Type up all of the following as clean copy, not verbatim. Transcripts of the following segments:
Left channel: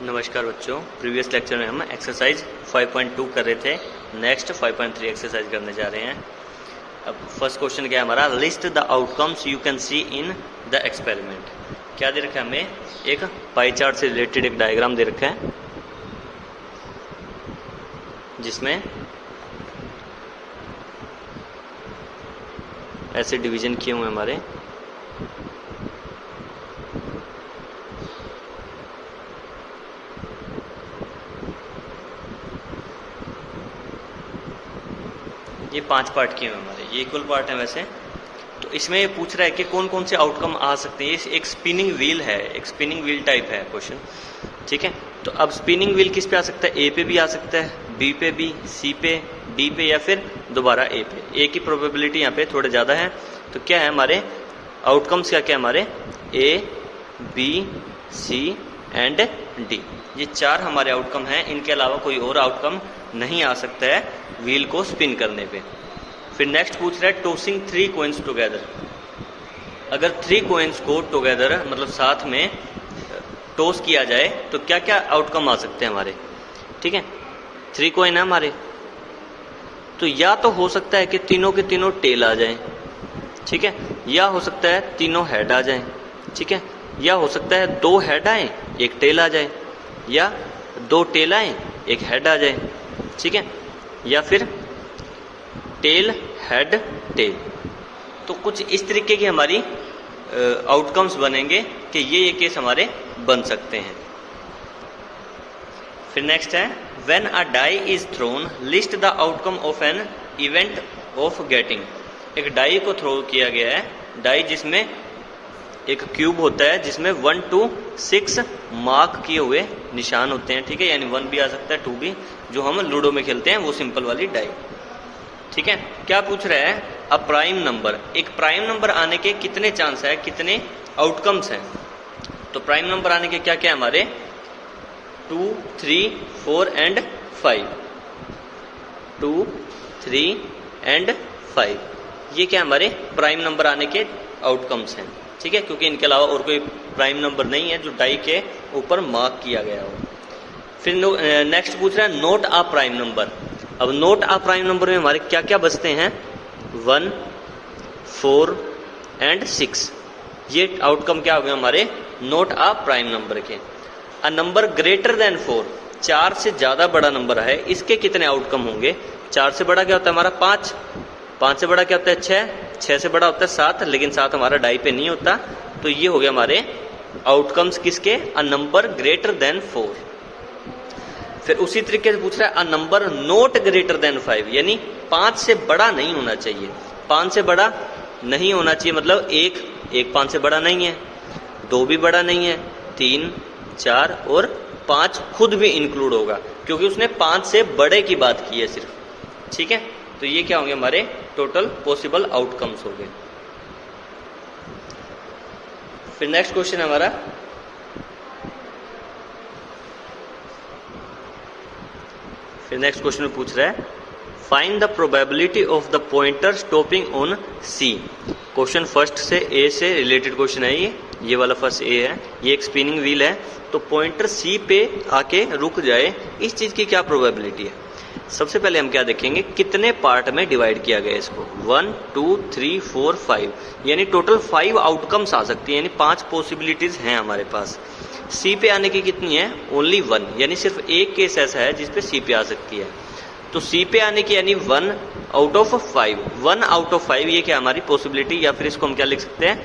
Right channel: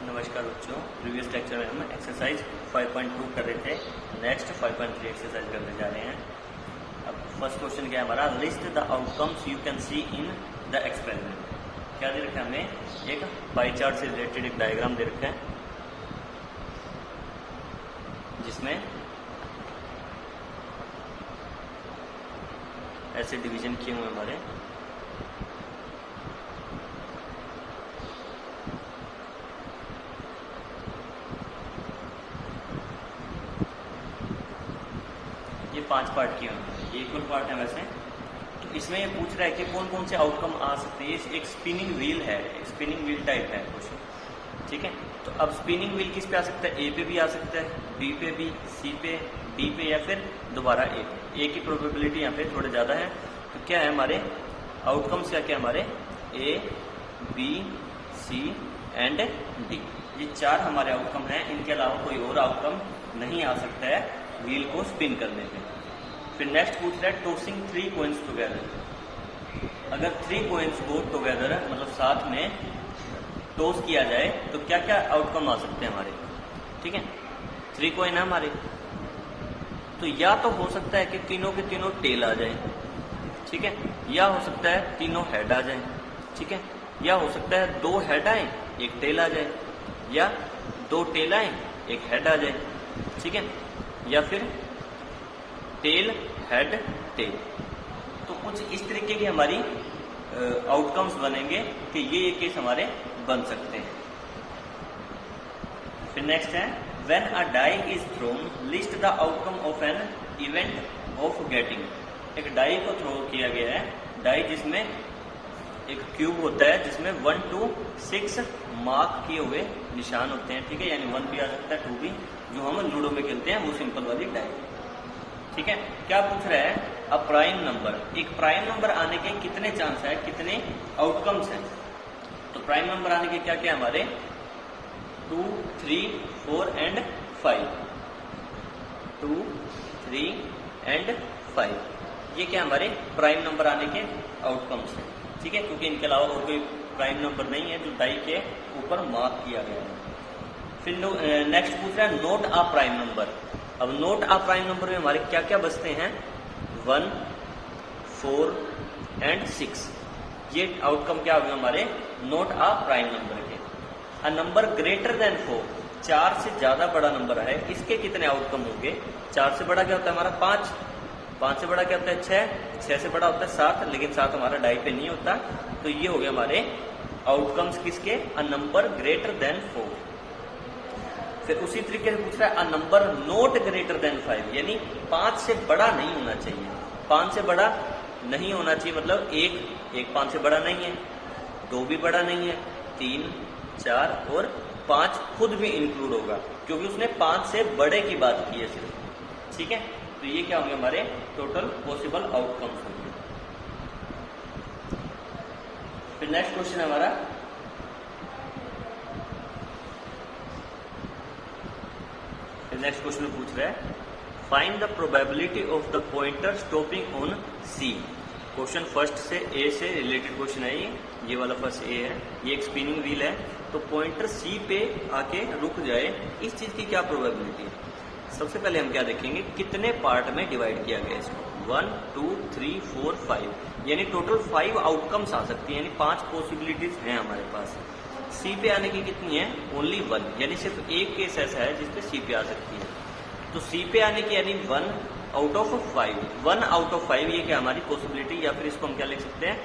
नमस्कार बच्चों, previous lecture में हम एक्सरसाइज 5.2 कर रहे थे। नेक्स्ट 5.3 एक्सरसाइज करने जा रहे हैं। अब फर्स्ट क्वेश्चन क्या है हमारा, list the outcomes you can see in the experiment. क्या दे रखा है हमें, एक पाई चार्ट से रिलेटेड एक डायग्राम दे रखा है जिसमें ऐसे डिवीजन किए हुए हमारे ये 5 पार्ट किए हुए हमारे, ये इक्वल पार्ट है वैसे। तो इसमें ये पूछ रहा है कि कौन कौन से आउटकम आ सकते हैं। एक स्पिनिंग व्हील है, एक स्पिनिंग व्हील टाइप है क्वेश्चन, ठीक है। तो अब स्पिनिंग व्हील किस पे आ सकता है, ए पे भी आ सकता है, बी पे भी, सी पे, डी पे या फिर दोबारा ए पे। ए की प्रोबेबिलिटी यहाँ पे थोड़े ज़्यादा है। तो क्या है हमारे आउटकम्स, क्या क्या हमारे ए, बी, सी एंड डी, ये 4 हमारे आउटकम हैं। इनके अलावा कोई और आउटकम नहीं आ सकता है व्हील को स्पिन करने पे। फिर नेक्स्ट पूछ रहा है टॉसिंग 3 कॉइन्स टुगेदर। अगर 3 कॉइन्स को टुगेदर मतलब साथ में टॉस किया जाए तो क्या क्या आउटकम आ सकते हैं हमारे, ठीक है। 3 कॉइन है हमारे, तो या तो हो सकता है कि तीनों के तीनों टेल आ जाए, ठीक है, या हो सकता है तीनों हेड आ जाए, ठीक है, या हो सकता है 2 हेड आए एक टेल आ जाए, या 2 टेल आए एक हेड आ जाए, ठीक है, या फिर टेल हेड टेल। तो कुछ इस तरीके की हमारी आउटकम्स बनेंगे कि ये केस हमारे बन सकते हैं। फिर नेक्स्ट है when a die is thrown list the outcome of an event of getting. एक डाई को थ्रो किया गया है, डाई जिसमें एक क्यूब होता है जिसमें 1 to 6 मार्क किए हुए निशान होते हैं, ठीक है, यानी 1 भी आ सकता है 2 भी, जो हम लूडो में खेलते हैं वो सिंपल वाली डाई, ठीक है। क्या पूछ रहा है, अ प्राइम नंबर, एक प्राइम नंबर आने के कितने चांस है, कितने आउटकम्स हैं। तो प्राइम नंबर आने के क्या क्या है हमारे 2, 3, 4 एंड 5, 2, 3 एंड 5, ये क्या हमारे प्राइम नंबर आने के आउटकम्स हैं, ठीक है, क्योंकि इनके अलावा और कोई प्राइम नंबर नहीं है जो डाई के ऊपर मार्क किया गया हो। फिर नेक्स्ट पूछ रहा है नोट अ प्राइम नंबर। अब नोट अ प्राइम नंबर में हमारे क्या क्या बचते हैं, 1, 4 एंड 6, ये आउटकम क्या हो गए हमारे नोट अ प्राइम नंबर के। अ नंबर ग्रेटर देन 4, 4 से ज्यादा बड़ा नंबर है, इसके कितने आउटकम होंगे। 4 से बड़ा क्या होता है हमारा 5, 5 से बड़ा क्या होता है 6, 6 से बड़ा होता है 7, लेकिन 7 हमारा डाई पे नहीं होता। तो ये हो गया हमारे आउटकम्स किसके, अ नंबर ग्रेटर देन 4। फिर उसी तरीके से पूछ रहा है a number note greater than 5, यानी 5 से बड़ा नहीं होना चाहिए। 5 से बड़ा नहीं होना चाहिए मतलब एक 5 से बड़ा नहीं है, 2 भी बड़ा नहीं है, 3, 4 और 5 खुद भी इंक्लूड होगा क्योंकि उसने 5 से बड़े की बात की है सिर्फ, ठीक है। तो ये क्या होंगे हमारे टोटल पॉसिबल आउटकम्स हो गए। फिर नेक्स्ट क्वेश्चन हमारा, फिर नेक्स्ट क्वेश्चन में पूछ रहा है find the probability of the pointer stopping on C. Question first से ए से रिलेटेड क्वेश्चन है, ये वाला फर्स्ट ए है, ये एक स्पिनिंग व्हील है, तो पॉइंटर सी पे आके रुक जाए, इस चीज की क्या प्रोबेबिलिटी है। सबसे पहले हम क्या देखेंगे, कितने पार्ट में डिवाइड किया गया इसको, 1, 2, 3, 4, 5, यानी टोटल 5 आउटकम्स आ सकती है, यानी 5 पॉसिबिलिटीज हैं हमारे पास। सी पे आने की कितनी है, ओनली 1, यानी सिर्फ एक केस ऐसा है जिसपे सी पे आ सकती है। तो सी पे आने की यानी 1 आउट ऑफ 5, 1 आउट ऑफ 5, ये क्या हमारी पॉसिबिलिटी, या फिर इसको हम क्या लिख सकते हैं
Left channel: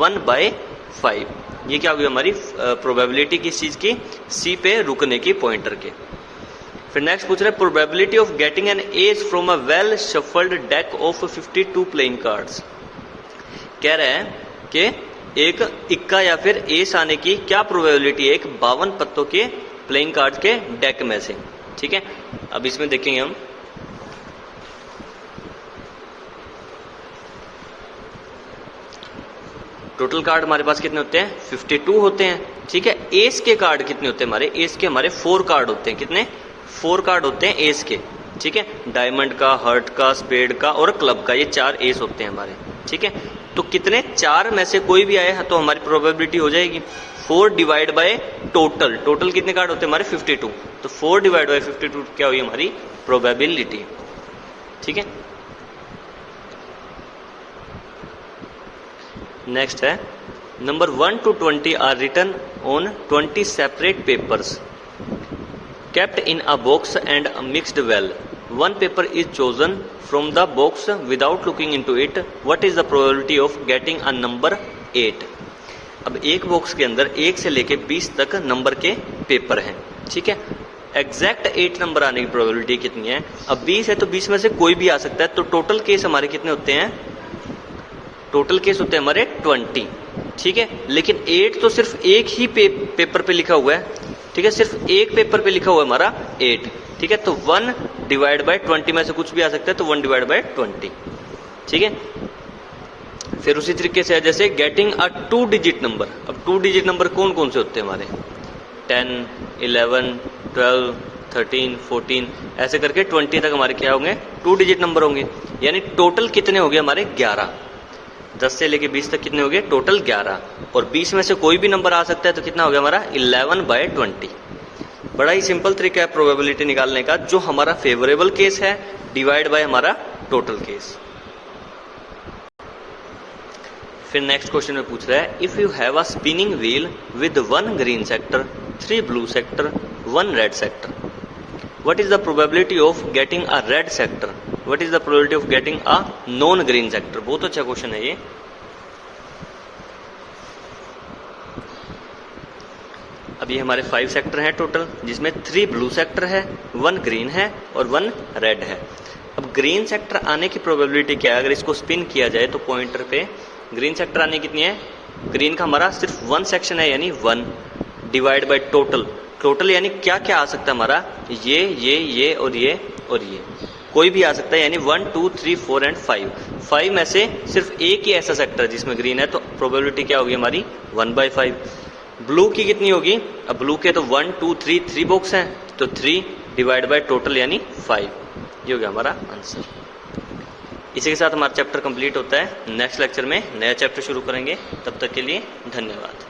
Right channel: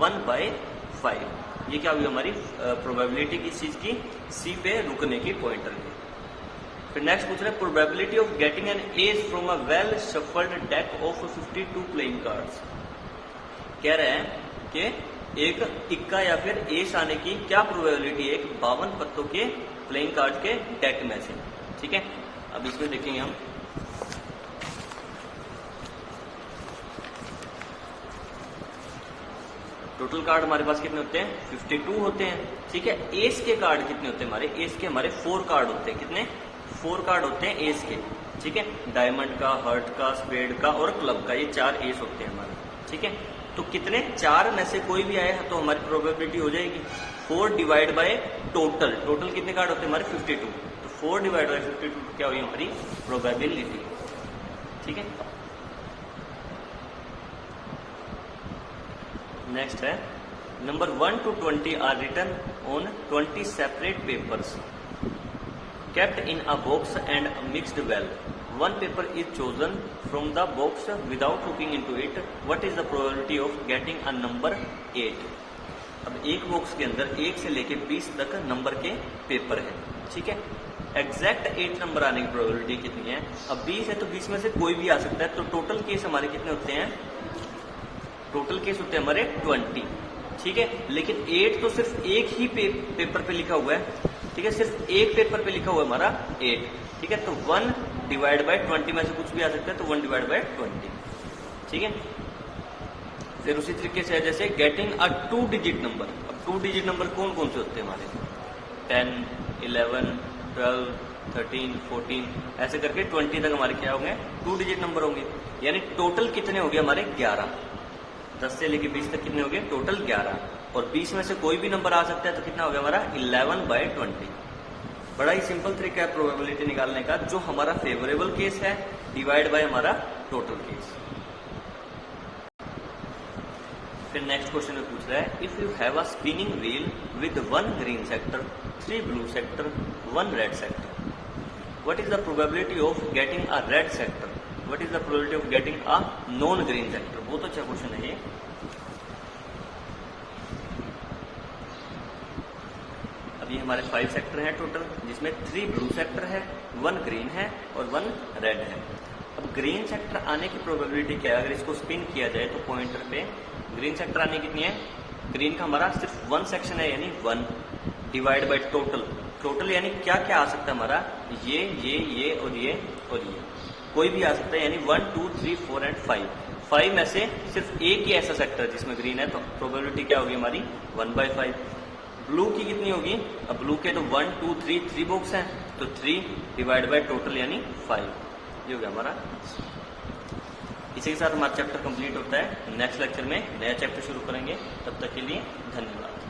1/5, ये क्या होगी हमारी प्रोबेबिलिटी किस चीज की, सी पे रुकने की पॉइंटर के। फिर नेक्स्ट पूछ रहे हैं probability of getting an S from a well shuffled deck of 52 playing cards. कह रहे हैं कि एक इक्का या फिर एस आने की क्या प्रोबेबिलिटी है एक 52 पत्तों के प्लेइंग कार्ड के डेक में से, ठीक है। अब इसमें देखेंगे हम, टोटल कार्ड हमारे पास कितने होते हैं 52 होते हैं, ठीक है। एस के कार्ड कितने होते हैं हमारे, एस के हमारे 4 कार्ड होते हैं, कितने 4 कार्ड होते हैं एस के, ठीक है। डायमंड का, हर्ट का, स्पेड का और क्लब का, ये 4 एस होते हैं हमारे, ठीक है। तो कितने 4 में से कोई भी आए तो हमारी प्रोबेबिलिटी हो जाएगी 4 डिवाइड बाय टोटल, टोटल कितने कार्ड होते हैं हमारे 52, तो 4 डिवाइड बाय 52 क्या हुई हमारी प्रोबेबिलिटी। ठीक है, नेक्स्ट है number 1 to 20 are written on 20 separate papers kept in a box and mixed well. One paper is chosen from the box without looking into it. What is the probability of getting a number 8? अब एक box के अंदर 1 से लेके 20 तक number के paper हैं, ठीक है। एग्जैक्ट 8 नंबर आने की प्रोबेबिलिटी कितनी है? अब 20 है तो 20 में से कोई भी आ सकता है, तो टोटल केस हमारे कितने होते हैं? टोटल केस होते हैं हमारे 20, ठीक है। लेकिन 8 तो सिर्फ एक ही पेपर पे लिखा हुआ है, ठीक है, सिर्फ एक पेपर पे लिखा हुआ है हमारा 8, ठीक है। तो 1 डिवाइड बाय 20 में से कुछ भी आ सकता है, तो 1 डिवाइड बाय 20, ठीक है। फिर उसी तरीके से है जैसे गेटिंग अ 2 डिजिट नंबर। अब 2 डिजिट नंबर कौन कौन से होते हैं हमारे? 10, 11, 12, 13, 14 ऐसे करके 20 तक हमारे क्या होंगे? 2 डिजिट नंबर होंगे। यानी टोटल कितने हो गए हमारे? 11। 10 से लेके 20 तक कितने हो गए? टोटल 11। और 20 में से कोई भी नंबर आ सकता है, तो कितना हो गया हमारा? 11 बाय 20। बड़ा ही सिंपल तरीका है प्रोबेबिलिटी निकालने का। जो हमारा फेवरेबल केस है डिवाइड बाय हमारा टोटल केस। फिर नेक्स्ट क्वेश्चन में पूछ रहा है if you have a spinning wheel with 1 green sector, 3 blue sector, 1 red sector, what is the probability of getting a red sector? What is the probability of getting a non green sector? बहुत अच्छा question है ये। अब ये हमारे 5 sector हैं total, जिसमें 3 blue sector है, 1 ग्रीन है और 1 रेड है। अब ग्रीन सेक्टर आने की प्रोबेबिलिटी क्या है? अगर इसको स्पिन किया जाए तो पॉइंटर पे ग्रीन सेक्टर आने कितनी है? ग्रीन का हमारा सिर्फ 1 सेक्शन है, यानी 1 डिवाइड बाय टोटल। टोटल यानी क्या क्या आ सकता है हमारा? ये और ये और ये, कोई भी आ सकता है, यानी 1, 2, 3, 4 एंड 5। 5 में से सिर्फ एक ही ऐसा सेक्टर है जिसमें ग्रीन है, तो प्रोबेबिलिटी क्या होगी हमारी? 1/5। ब्लू की कितनी होगी? अब ब्लू के तो 1, 2, 3 बॉक्स हैं, तो 3 डिवाइड बाय टोटल यानी 5। ये हो गया हमारा आंसर। इसी के साथ हमारा चैप्टर कंप्लीट होता है। नेक्स्ट लेक्चर में नया चैप्टर शुरू करेंगे, तब तक के लिए धन्यवाद।